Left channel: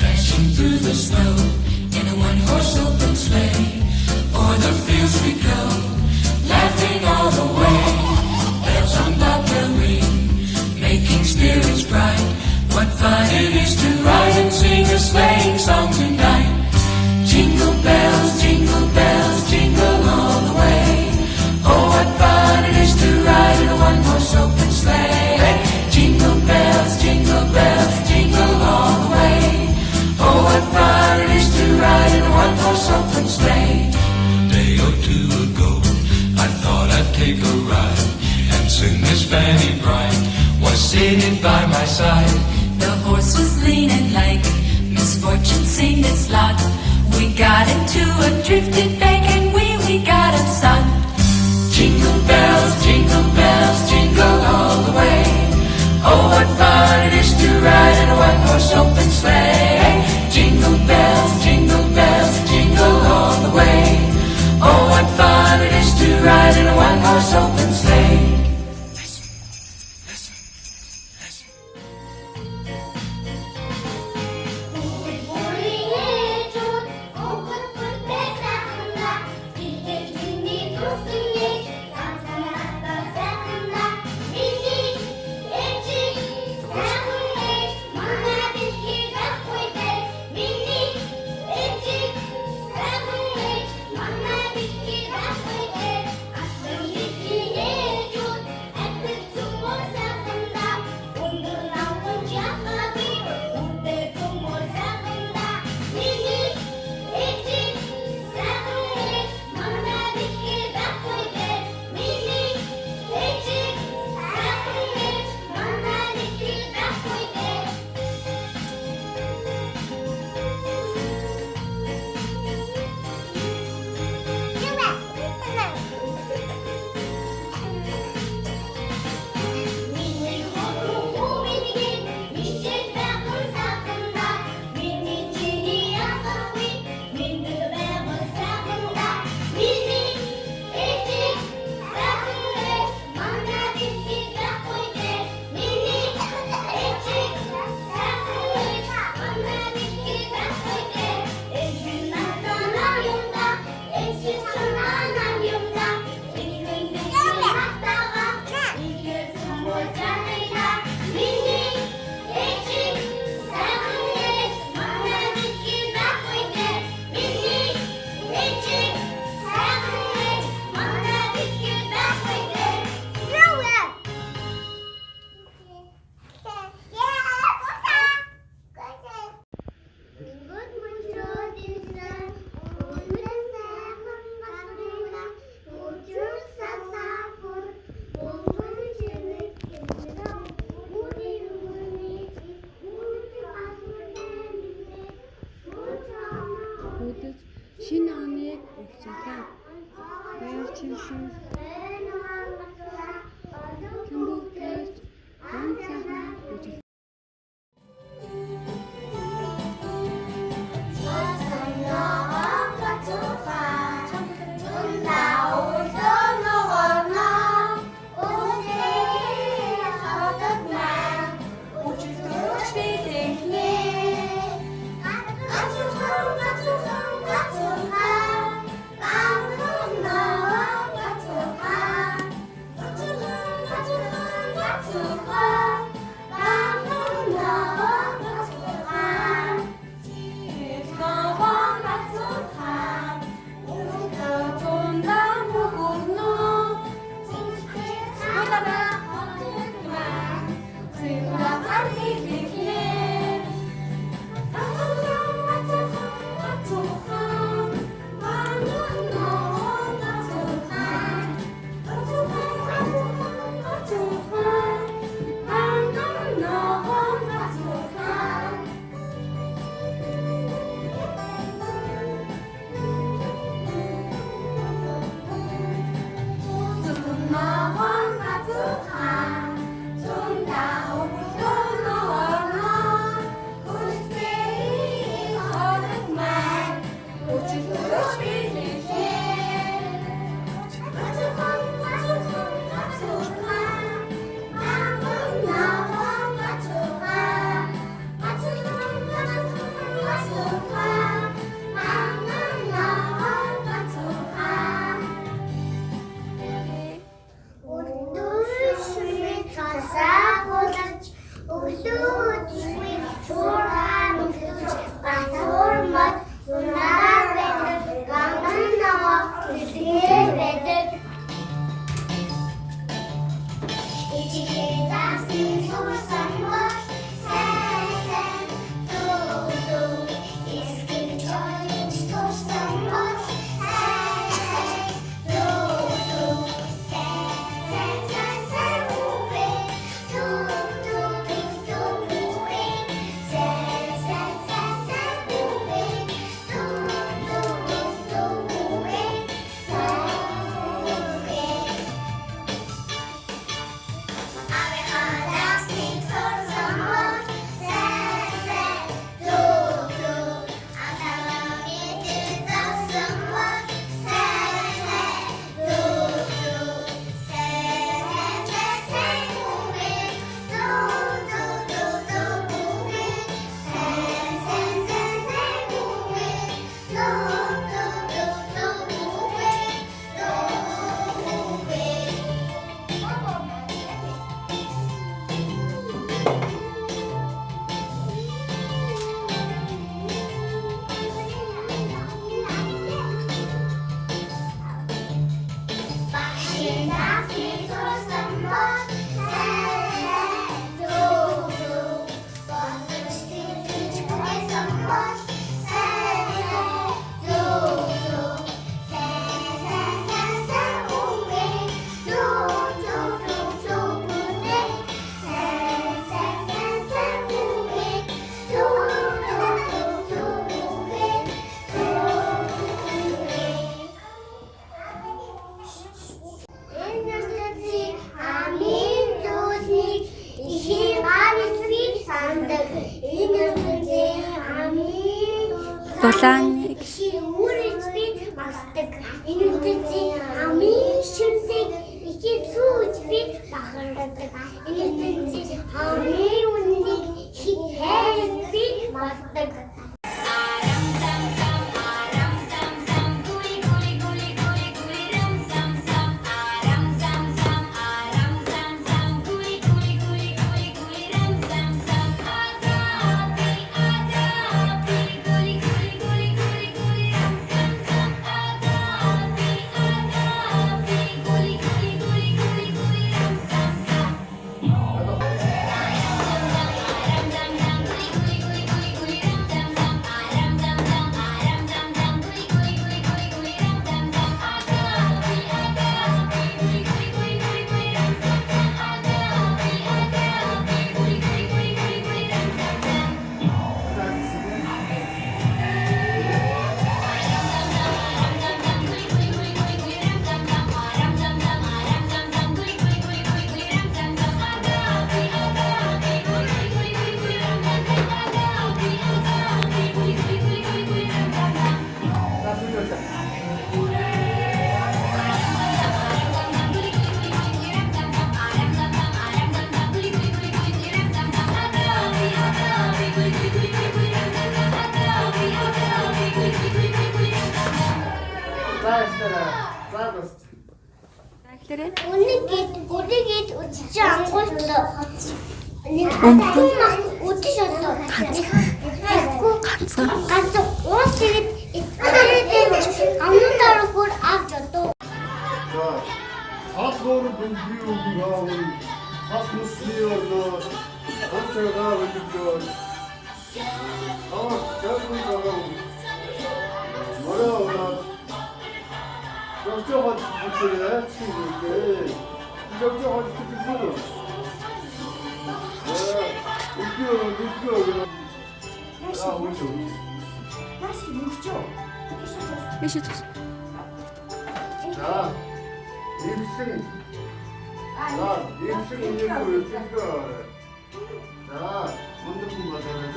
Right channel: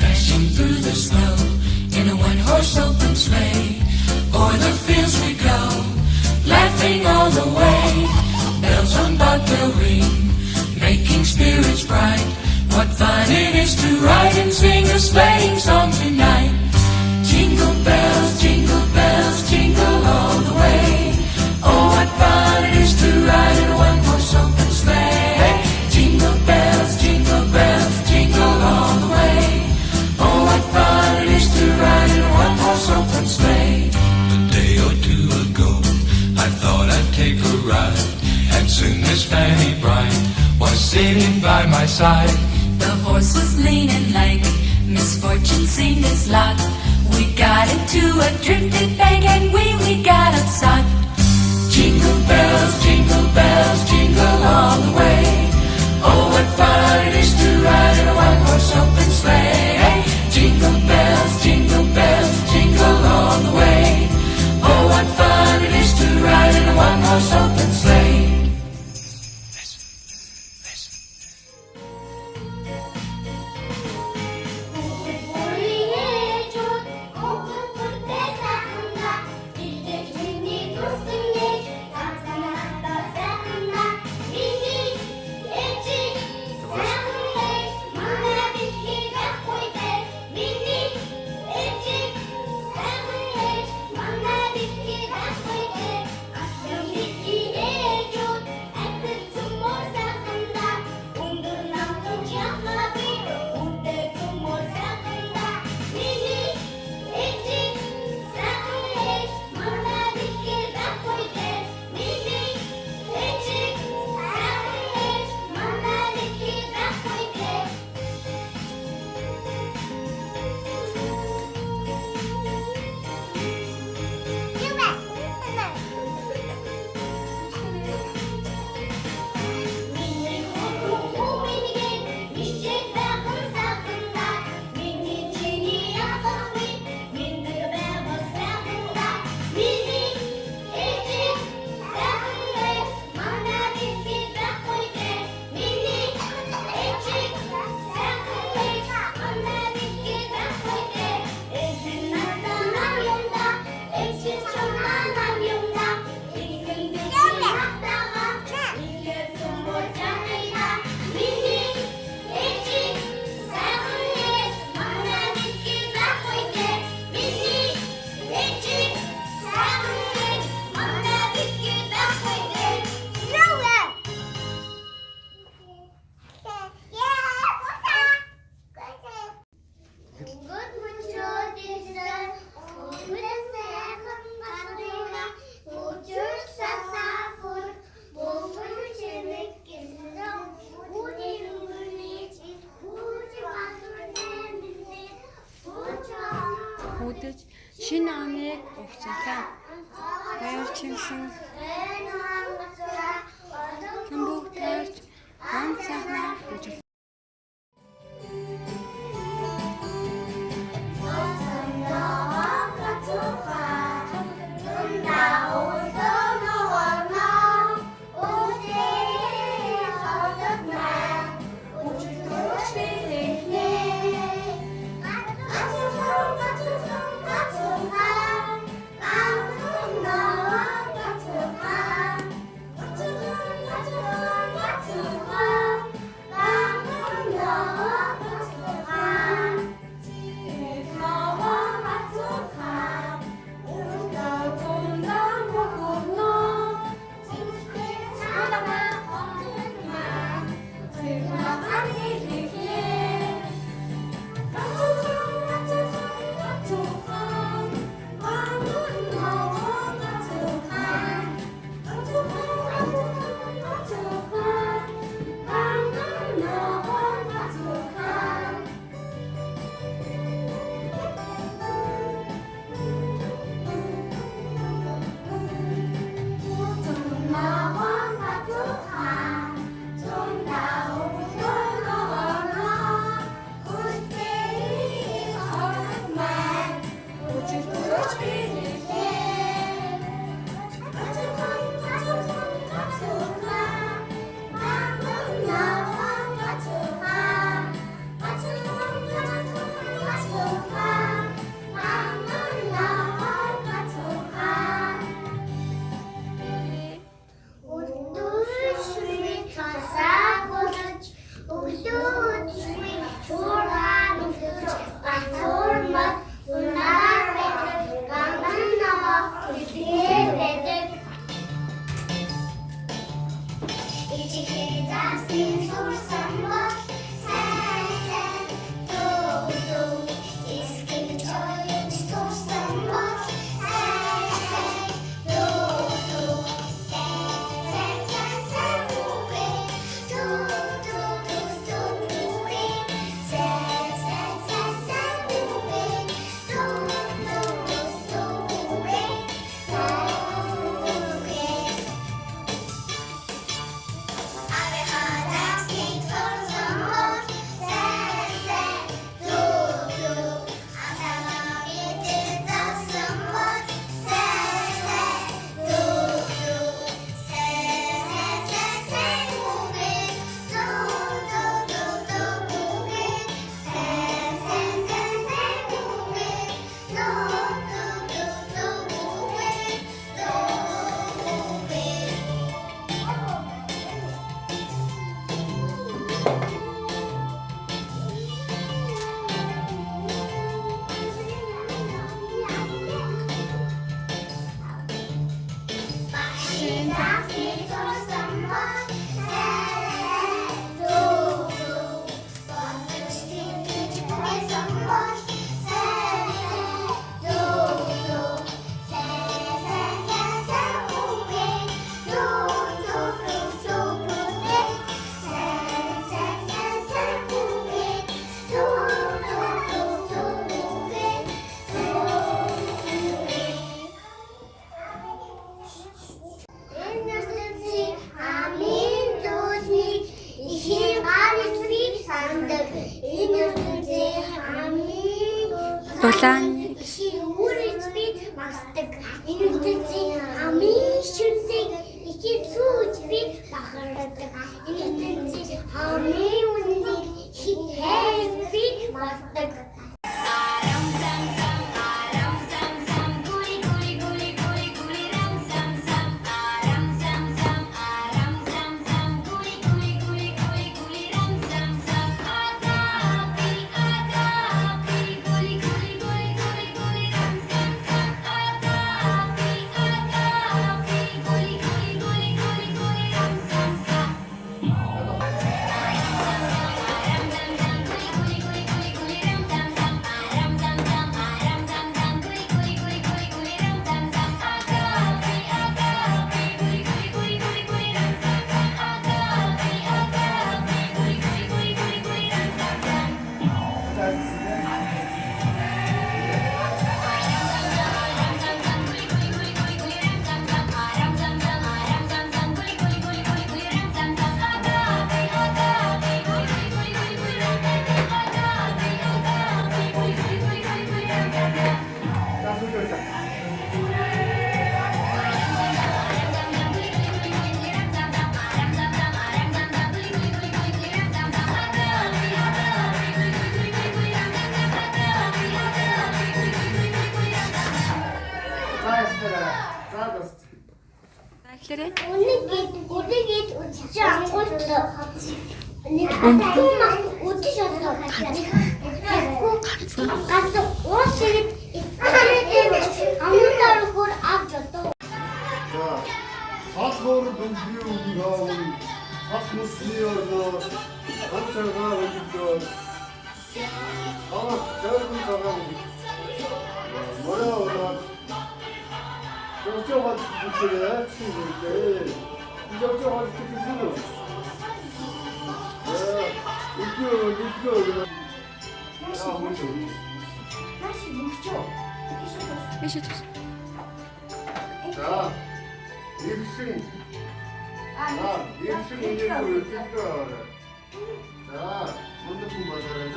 Dashing through the snow in a one-horse open sleigh. O'er the fields we go, laughing all the way. Bells on bobtail ring, making spirits bright. What fun it is to ride and sing a sleighing song tonight. Jingle bells, jingle all the way. Oh, what fun it is to ride in a one-horse open sleigh. Jingle bells, jingle all the way. Oh, what fun it is to ride in a one-horse open sleigh. A day or two ago, I thought I'd take a ride, and soon Miss Fanny Bright was sitting by my side. The horse was lean and like misfortune seemed its lot. We got into a drifted bank and we got upsot. Jingle bells, jingle all the way. Oh, what fun it is to ride in a one-horse open sleigh. Jingle bells, jingle all the way. Oh, what fun it is to ride in a one-horse open sleigh. Хүүдэж шинэ оныг өгчлээ. Баярчилсан. Хамбуг таарч ганцаараа гэж ундаг энэ үедээ хамгийн Дулааны шиурч би магтдаг энэ үедээ хамгийн шүндэг их зүүж би бахардаг энэ үедээ хамгийн үнэнийг хайр би магтдаг. эхлээрэй. Үнэгээд үдчих ангуултлаа. Өмхөн үдчих одоо ганц уус тэгээд амнуудаар бүр авч одоо. Хасгор дүнгийн үгүйгээр хасмусниорнос анчагаа өгдөө. Жаагүй цагаа. Мороо 저쪽은 이쪽에 친구인데 저쪽은 이쪽에 웃겨 아 뭐죠? 이시 자 일승 일승 이제고 여기가 자 먼저품 받아라죠.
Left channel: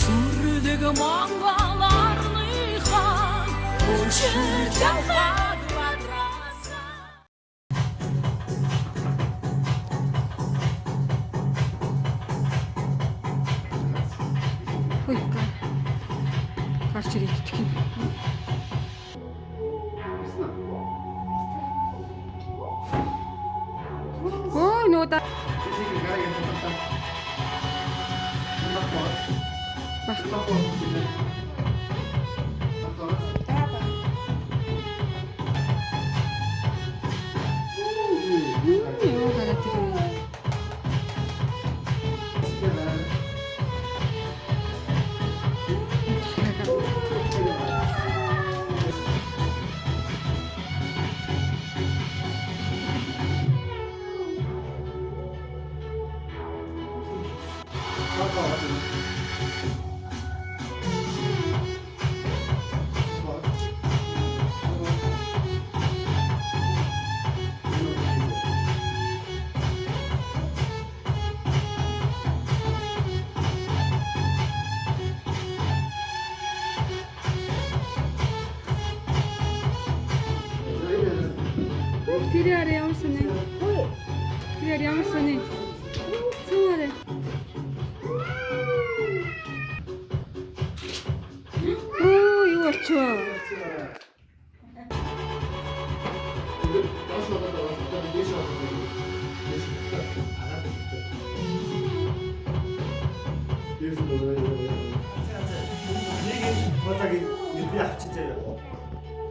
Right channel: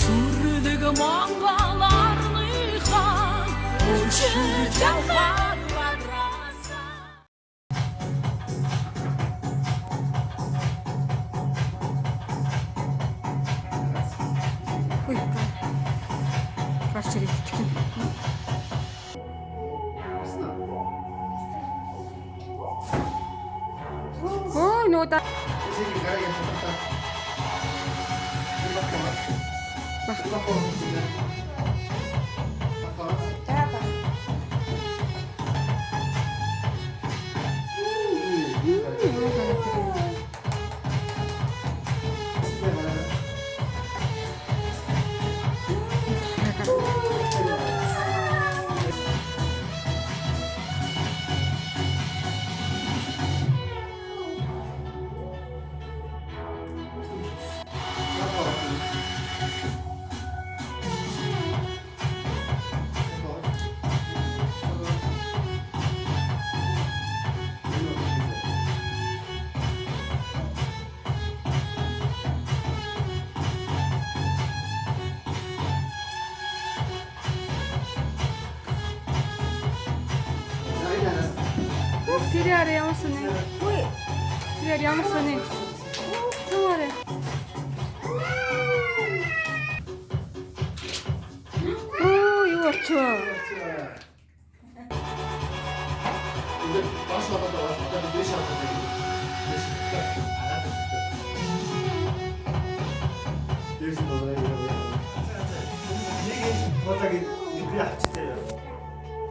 Сүрдэг Монголорныхан өчир жахад бадраса. гарч ирэх гэх юм. Ой, нууда. Тэр яар ямар сони? Тэр ямар сони? Сууре. Оо, юу болчихоо? 이제 다시 왔다 갔다 왔다. 4시간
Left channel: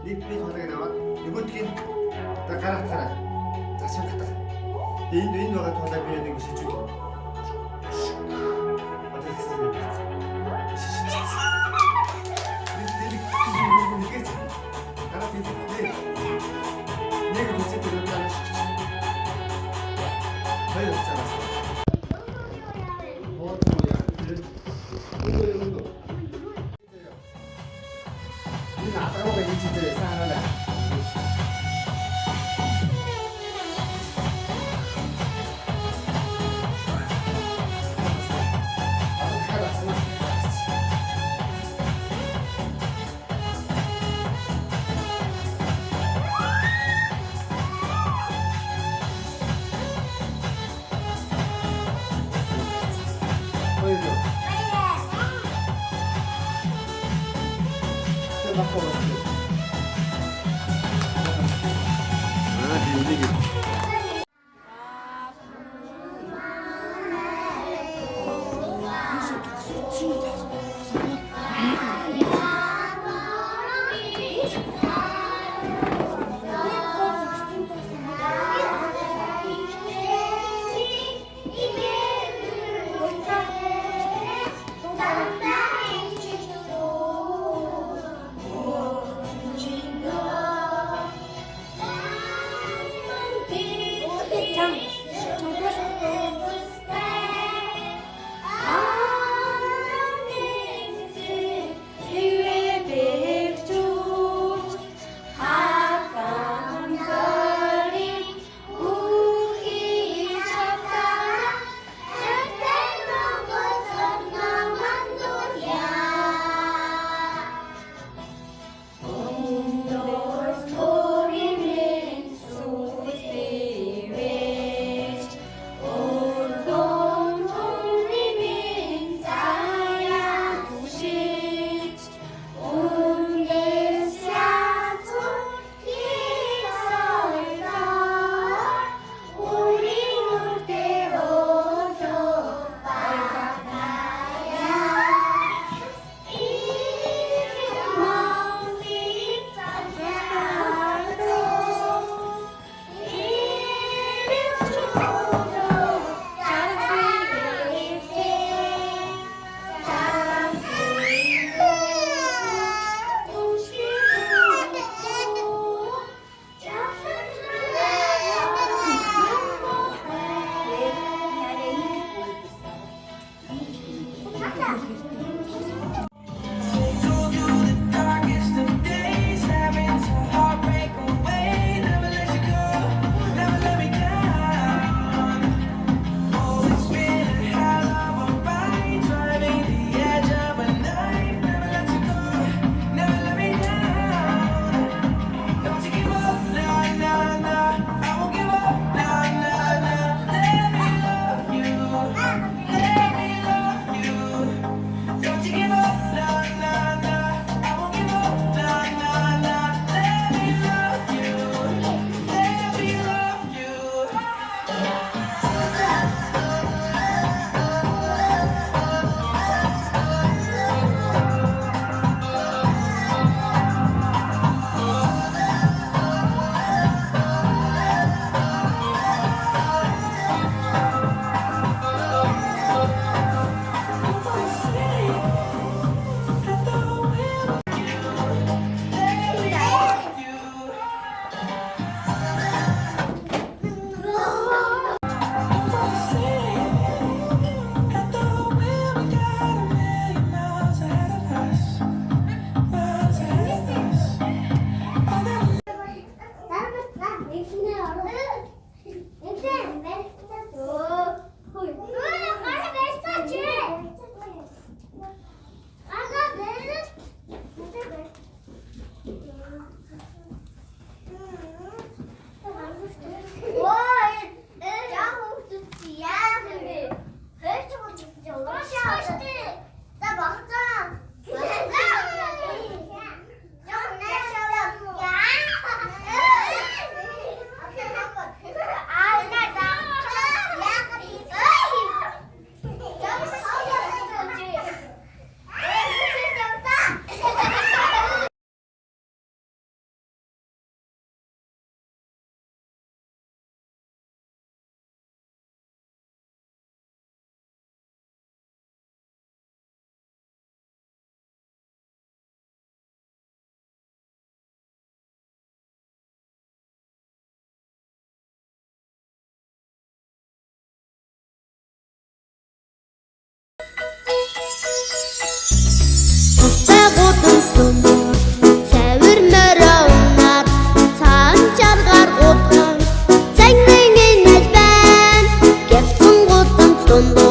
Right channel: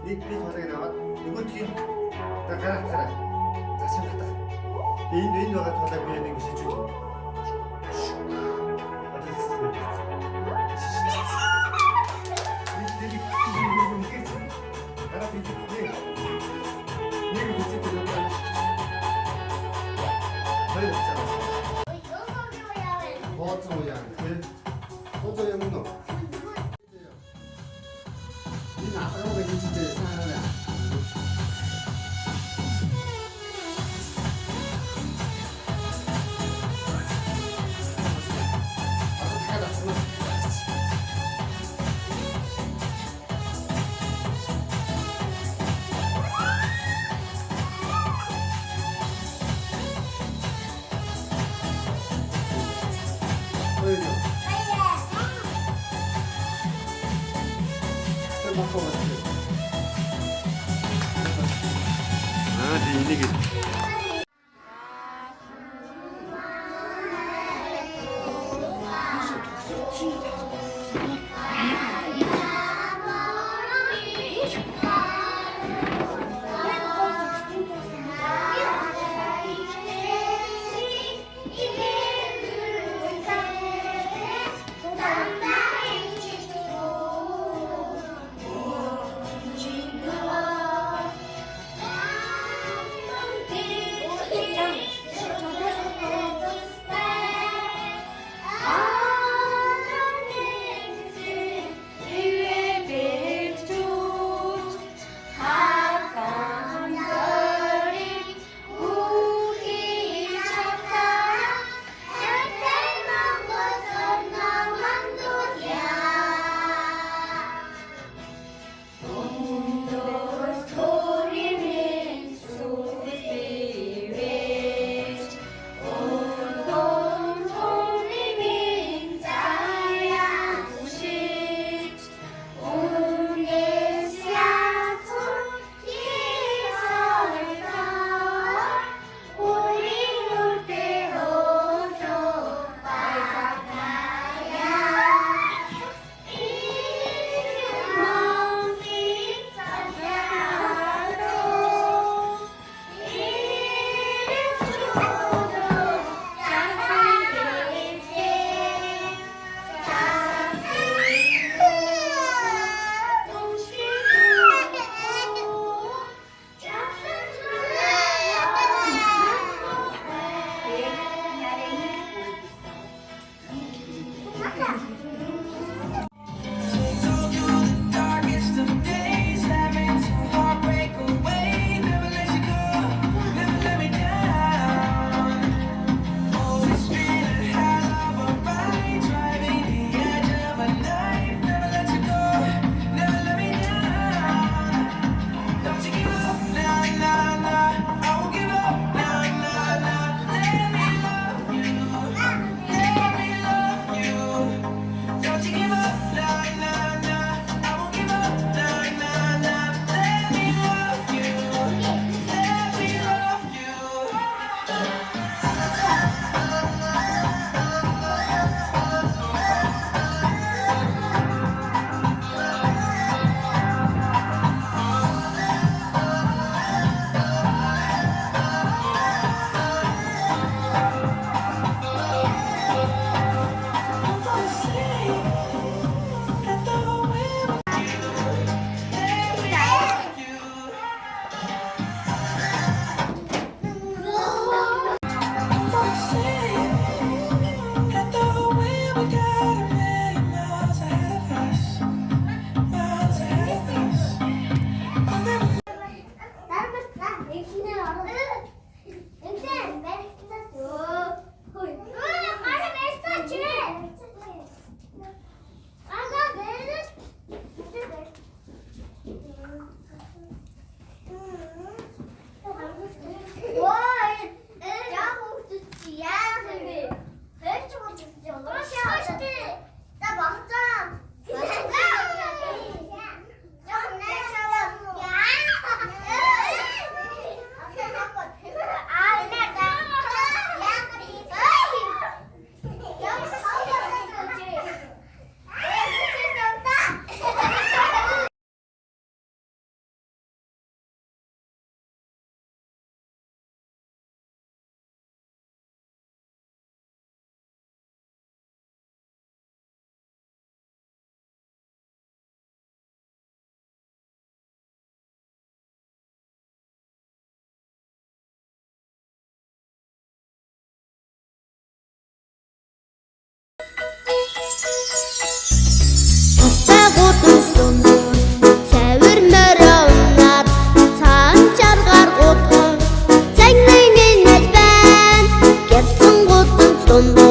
네 도장에 나와. 이거 튀긴. 나 가라. 다시 갔다. 네 너가 도장 비야 되는 것이 주. гудамжлунууд савирмаар унаад цаан чаргаар гудхан цагнын инээс байна гялцсан гудамжлунууд